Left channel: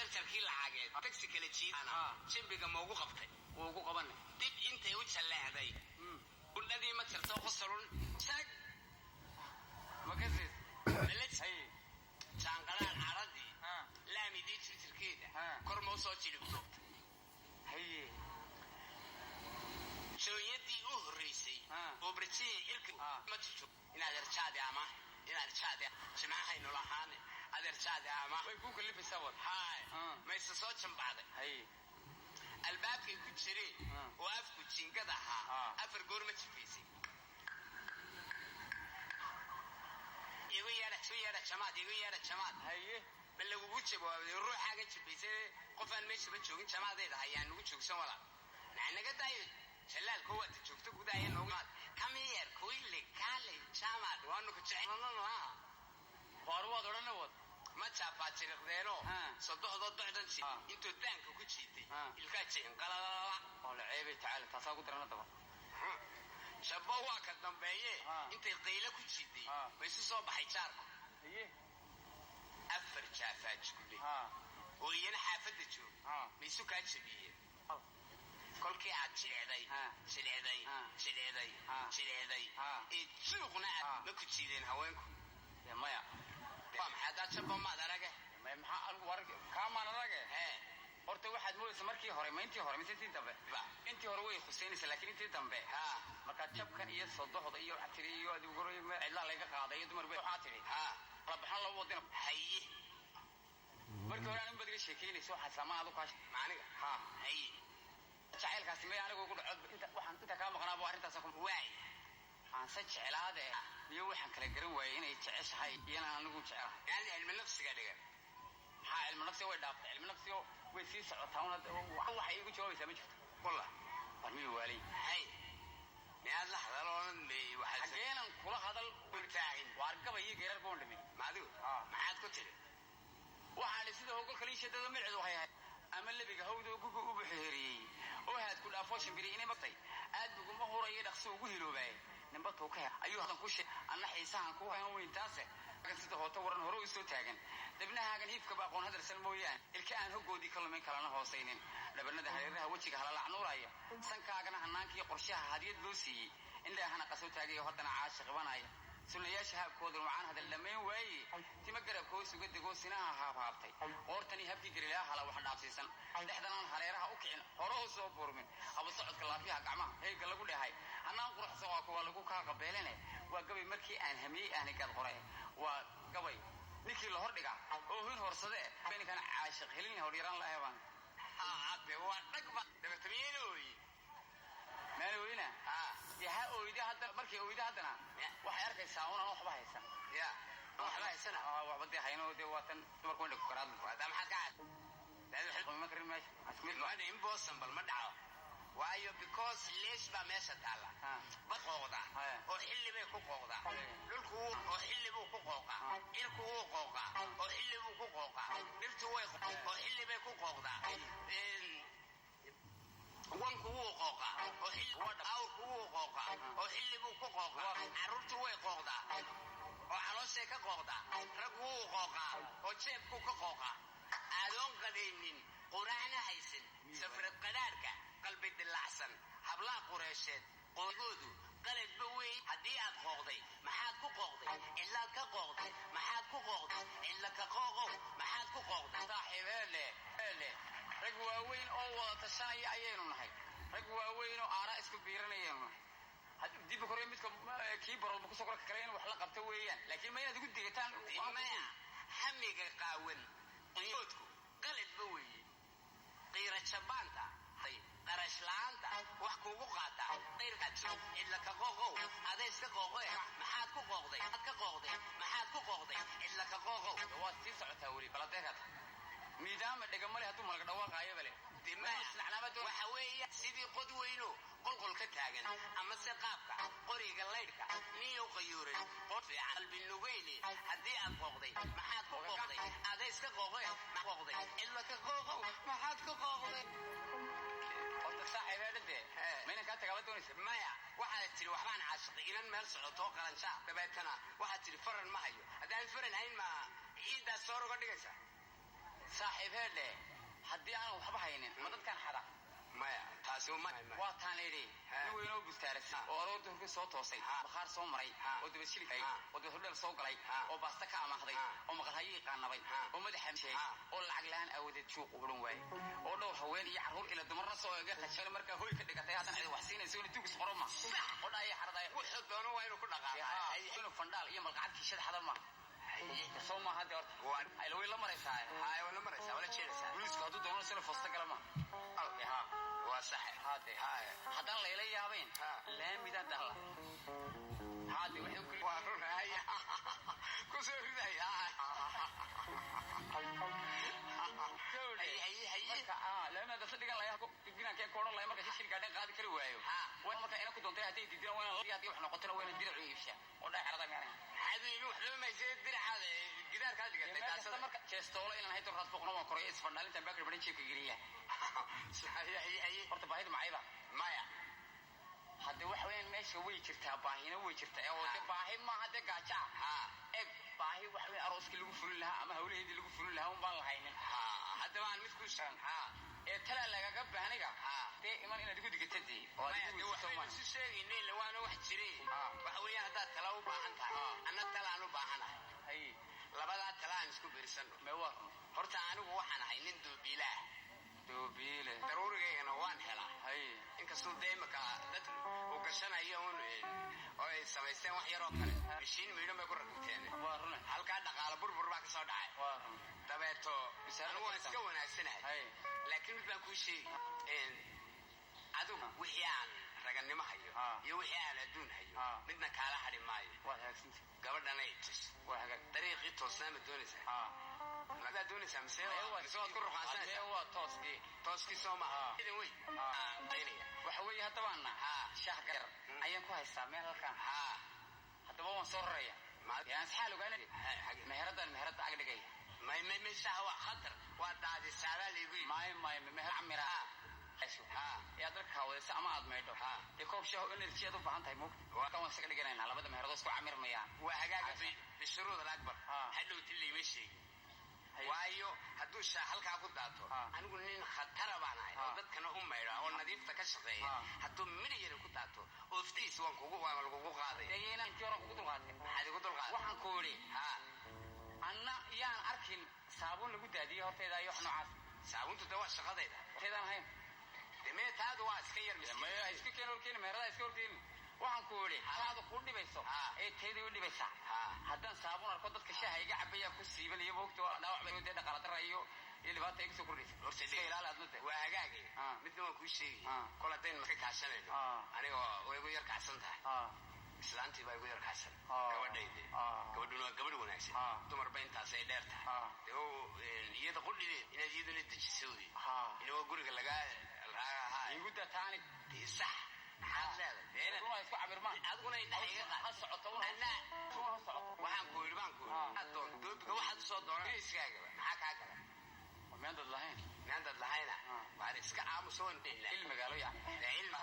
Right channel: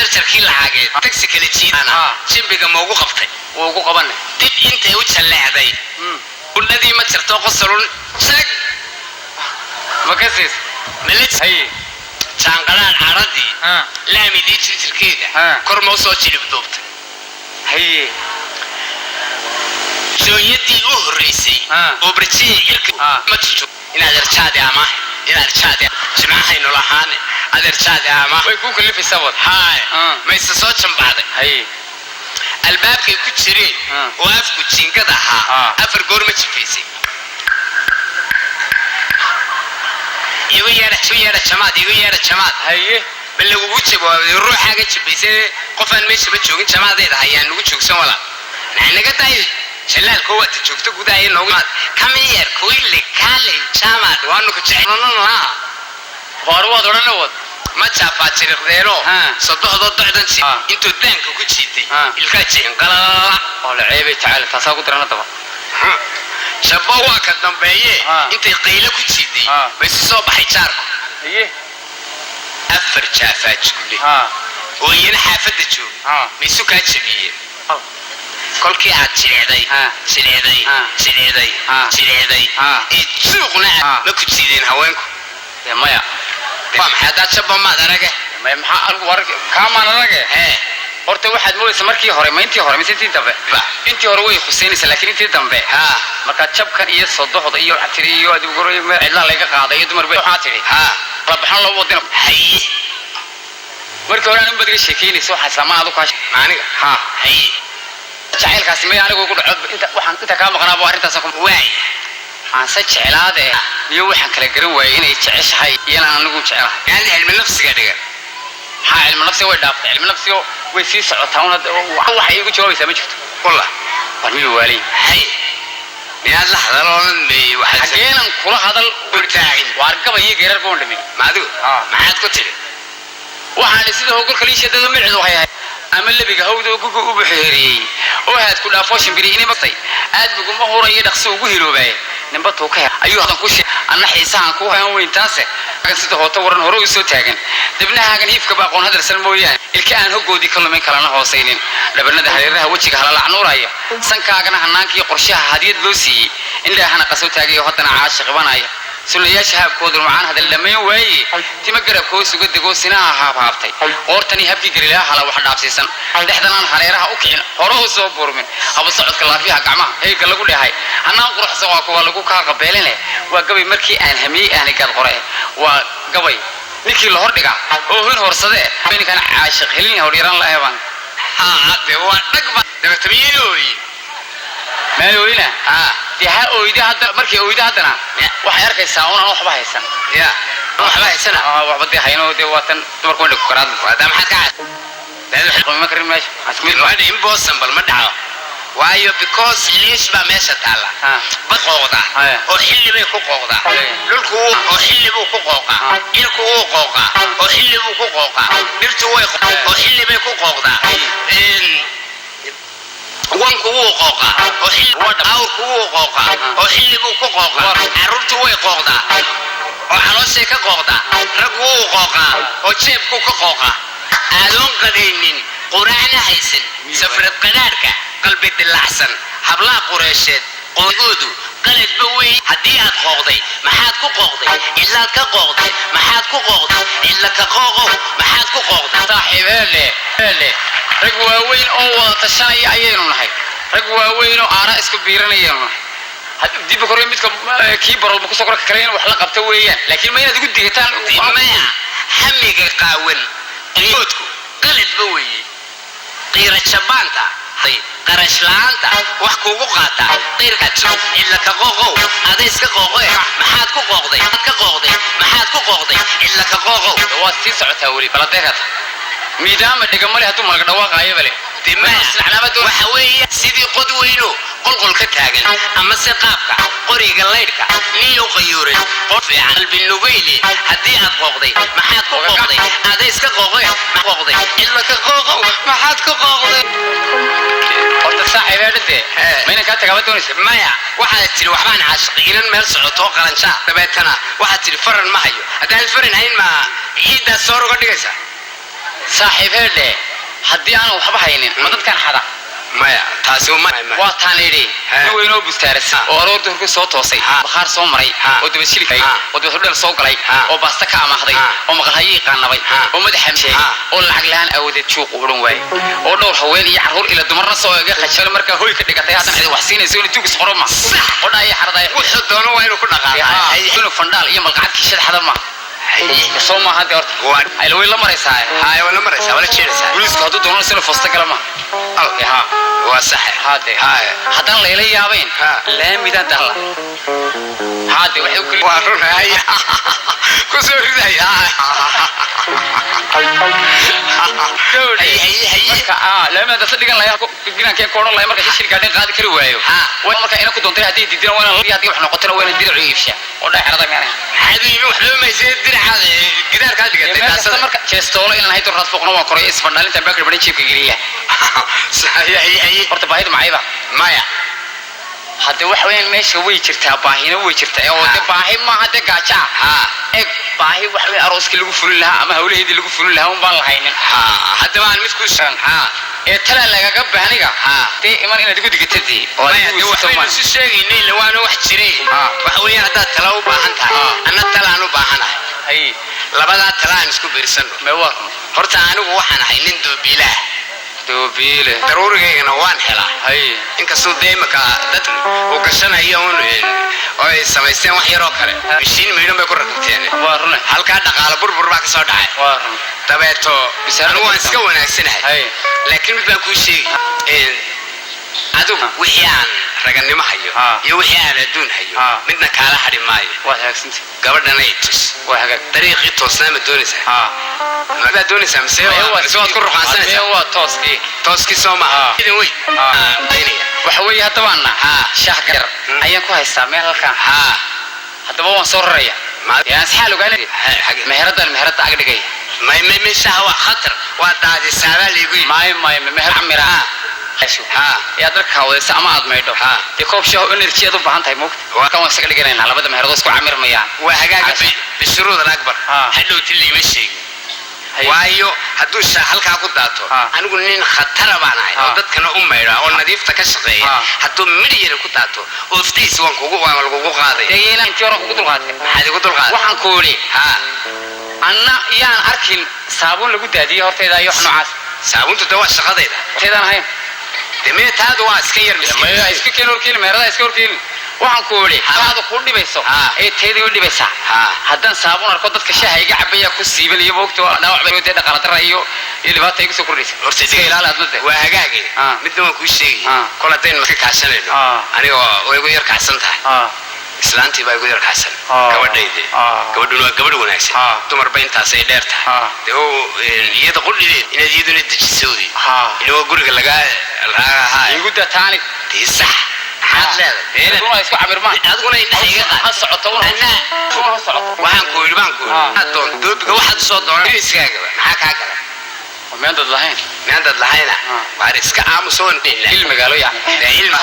jarjarkii lacageed taxi kala jiidana jimbiga ma ugu qabtay ugu qabanay dib intay u jaleecday kuladii ma jirto qosolun shag makasis malit hay jaanqalaan caradii laamidii jirkeeda kor ma soo jilib duubtay hay jooyadii u horeysay oo barjii ilka ma jirto inaad arjaadi ama inaad arjaadi jimcaha nolahaan adeerjaadi ama way ku kalifaysaa wad haay ma isa soo jambaaday hay albaabkay ku jireen oo afku jiingada ahaa afar goor ma jifaysay igu yeera jamaad haye bal ugu jawaabay ruuxaaga jifaysay qofaan meesha ba joogin jamaadeeda hayaan lagu joogsan wala naga tahay jalaal ko wada joogto gudaha noogu kameer kuile kale jamaad waanu ku jecelnaa horwaad orana wad ma jaafa jiriqdeeno saddexdo docdan si intuu daanka ku jiitay ilka jeen qalala oo la ceebay tacaal taasa ku dirana daba shabo waa ka dambeeyay intay qaylo ku jiitay way soo baxay jaarku haye afar jaafa jule oo iyana xaafada joog miisu ka jabiyay kolkii aad jireeday suuqna ma ku jiideen haweenku maya maxaa jabba ma arage maxaa war kama arage horta waxaad mooysaa markii hore ma intii hore intii dambe intii hore way khuseenaysaa laakiin intii dambe marka jabkan iyo sodoxda iyo xatiri iyo adigu goray ma cidla laga qaaday iyo dumar bay waxa tiri la baxan loo wadin hay markii hore aan badga sheekeynayso waxa samaadu ka aniga hay jacaylkaasi ma anigu ugu dhaco inta ka maqnaabo arintaas ku waay aan sa jeclaade iyo waxaan kala garan waayay inay jeceshahay iyana anigu jecelahay yani cilmi nafsiga dhiga cilmi nafsiga way dhaafay cilmi nafsiga way sii socotaa waxa igu jawaabaysaa ma jirto wallah warmi wali hay miyaad la hadaloon may waxa xageenan kula hadal urtaagin waar gabayay geerar boon dhimin maadu maxaad ku tiri waxaan sida hogol kaliishadada micid waxay ahayd ama labiga hawdo ugu buuxeeriyay oo haad ku dhaafo shimbiriini matay aad bugu ma horeeyay dhaqso ugu hiroobay nimba tuu ka ayuu hadan ku sheey anna xiisaan ku hayn weyn taase kan sida hoota waran hore u soo taagan dibnahaagan hiifka ba aqoon hadal salmooyaan ilka aan hogoodi kalumin kalana hoosaynin dhabanada hareeraha wajiga hala lacnuuraya sankaagana hanaankiyo qorshaha hadiyad loo siiyay indhahana qaso taagayo hadana caashiq banaya sunayaasha habkooda macaan hadal dhameen waayay tima garabkoo suga dego sinaha haabtay qortani habkii garilaha hala wax dhaafsiisan dhexdanaan hareeraha u kicin hore u soo burmin haba socodka laafiha gacmaha heega lagu dhahay anaan quruxsan waa kuwa lagu ka qabeelinay waa gabay markii aan hamiyay aan gad qoray waa gabay ninkii la hordhiga oo hin horsade beenkan caashiq helin horiran la eeban de waa dhagba dabatamiinooy meelooyina diha ooyda hadda markii ooyda hadana waxay arkaysaa una waxba haysan waxba haysan waxba de hayno de watan dumarku indha ku karaad waada maxaa ka ma karin meesha asmid waa impossible ma dhaco waayo because leesh ba meesha taala baqooda oo xilli bay ku qooqda dhulku oo xilli buu ku qooqa ilku uu qooqa oo xilli buu ku qooqa dhirtu way oo xilli bay ku qooqda wanku uu qooqa oo xilli awrku uu qooqa oo xilli buu ku qooqa carruurtu way qooqda oo calooshay ka qooqda raggu uu qooqa oo jeebku ka qooqa aadoon qadaynin quraacna haysan safrad qadaarka qalbi dilacsan hablaha qureesheed qoodoodu qaladba wey haddii aad qooqday maxaad ku qooqday ilaad ka qooqday maxaad ku qooqday ila ka qooqow maxaad ku qooqday saaxiibeele rag waaweyn oo wada tashanaya ayaynu nahay rag waaweyn oo aana isku biiranayaynu nahay dib kore midka kii barood ku soo korka kaleena wax la qabta weeyaan laakiin ma inaad ugu digataan maya hamiga qaawan qiyoodku qaladba wey qiira jabaanta qarash la'aanta wax kuugu qaata qiirkajo ila ka qooqow adays ka qooqoy maxaad ku qooqday maxaad ku qooqday ila ka qooqow waa sii socotaa weli baladeekad miidaama dhigamale hadduu malaga dhawaaqaayo bale waxa weeye sidii qod weyno qolqol ka taagan ama se qaabka qoriga laydhka niyo qayuuran qof fiican qalbi nubayli haddii aad qooqday maxaad ku qooqday adays ka qooqoy ila ka qooqow maxaad ku qooqday horta saaxiibeedhade mayna kaa tagaaba doonaysa maya waxaad tiri waxbaan caashiqiinan meel socoto qalanjaa dabeetana waxaad tiri faran ma hayo haddaan faran hayn ma ciiddaas soo roga dhigaysa saaxiib heedhe haddii aan waxba haynin ma dadkan xada maya taasi uma waa taaneeri weynoo bustaaris oo aroorta ku soo toosay bakhaar soo maray oo daba shilkay oo daba hudhal soo galay oo baasta ka amaahday oo maqalhayi qaanabay oo madax xamshay oo lacag laan awoodeed suuq u dhan waay oo dhowr haween iyo caruur ila dumarna soo eega khashal marka hooy ka dhigatay hadan cid wax siinayso inuu tuugis qoro ma oo dhaay xaraday wuxuu doono waa inuu ku dhaqaaqay inuu fandaal iyo malqacad kiishad xada ma soo ma hada horta ay la weyla maraysaa hay wala maraysaa wala jeedaysaa booliisku hadduu doono sida foosta kala ma ha waa sax hade haddaan layla yaabayn laamida dalla hade waxay ku waa runay ku soo riday laamida dadka dhigan layaa ginaanka koodhan layaa marka shil gaadhin qaadi kari waayo waa marka ina ku doontay haddii diidina waa inaan haddii wax noqotana waa inaan dirac iibsha oo dhaxrada meena xadiimi wax loo meysay diracaada gidaarka dhigatay taasada marka jeestoolo inaan hayto raad fuqna waa koray isbandhalinta baakir badan jeebka geliya saxiix horta baahida macayba maya hadda wax weyn meesha way jirtaa baahina way jirtaa oo de baahi ma hadda gaaja ee baahi wax weyn arooski lagu fulin lahaa ama hawlaheedii lagu fulin lahaa un baan lahaynin hadda waan mid ku shan ee tala lagaga baahniga de iman inaad igu digatadii oo aad waxaan si sheegaynay lawaana wax jiray wax weeyaan hadda tala u baahan tahay anna tala aan u baahanahay labada tala aan isku biirsano ma waa horta anigu waxaan ahay nin doobiilah doobiile daruurigeena waan helaa inkastoo deemaka dad oo gashanayo oo ay samaysteen wax yar oo kale mishiin meeydhan bay ku rakibteen waa run halka dhaqaale burbur baa ka soo dhacay waa run dabeeto anigu waan iska wanaagsanahay laakiin mid baan kuu sheegi adigu wixii aan raganimo hayo iyo wixii aan adduun hayo midna kaala hadhi maayo waa hagaagsanti gabadhana ay tus waa hagaag dariiqii toosnaa ma doonaysaa ma doonaysaa mise waad ku ruqaansanaysaa waa tooskii soo maaha idin wey waxa weeye haddaba anna shaah gar ayaan ku haystaa meel halkaan haddaba waan soo raraya yaan saxaal ogaanay meherada ag dhigay may shaah waa khatar waa daadisaabaa liigu yimi meher camira yaa darka wadaysa ama aad maydho dee koob shaah energy aad u baahan tahay moogta kan waan isaga dhiganaynaa labada meheradoo isku camirmayaan waa hagaaga bishuruudan akbar hadhowti liima sheegin waayo hadduu shaah halkaa ku daato anigu nin khatara baan ahay oo dadkana u maydha oo nadiifta ka shaqeeya hadduu midh yara ku daato ooftiisa waan lagugu qaaday intii hore kugu dulqaatay maxaad igu dulqaaday waxaan ku idhi anna yaan arkin saabuun lagu daadiyey hortayda iyo wax noocaas saabuuntu de waa shaqadayda hortaydaan ahayn demee taadu waa iska yar miskiin iska keen horkeeni meherada iska horkeeni waxaan ku idhi taadu kuu dhibayso ee teedii u dhibaysaa haddaan saabuun arko dadka shaaha iga cabaya ku siiban iyo moogta dhaawac bay dee dhaqaala dara iyo dhibaata igu soo kordhaysa horta iska ilaali admada waa hagaagay midna waan kuu sheegay kol haddaynu ka kaashanayno anigoo way igu yar kacsan tahay islaantii baa igu yar kacsan gabadhayde gabadhuna waa gabadh wanaagsan dumarba intaas ay dheer tahay dee iyada qudhideed inaad iyaduna dejisoodi inagoo guriga lagaa igu dataani dee sax maxaad leedahay isku camirmaan adiguna indhaha iga qaad ha socoto waxaan ku idhi baan ku idhi doobiga waxaad soo doona iskaagaba maxaa kaa gala meandad lahayn lahayna waar iska aamuso waan dhehna il magaalo yani ilma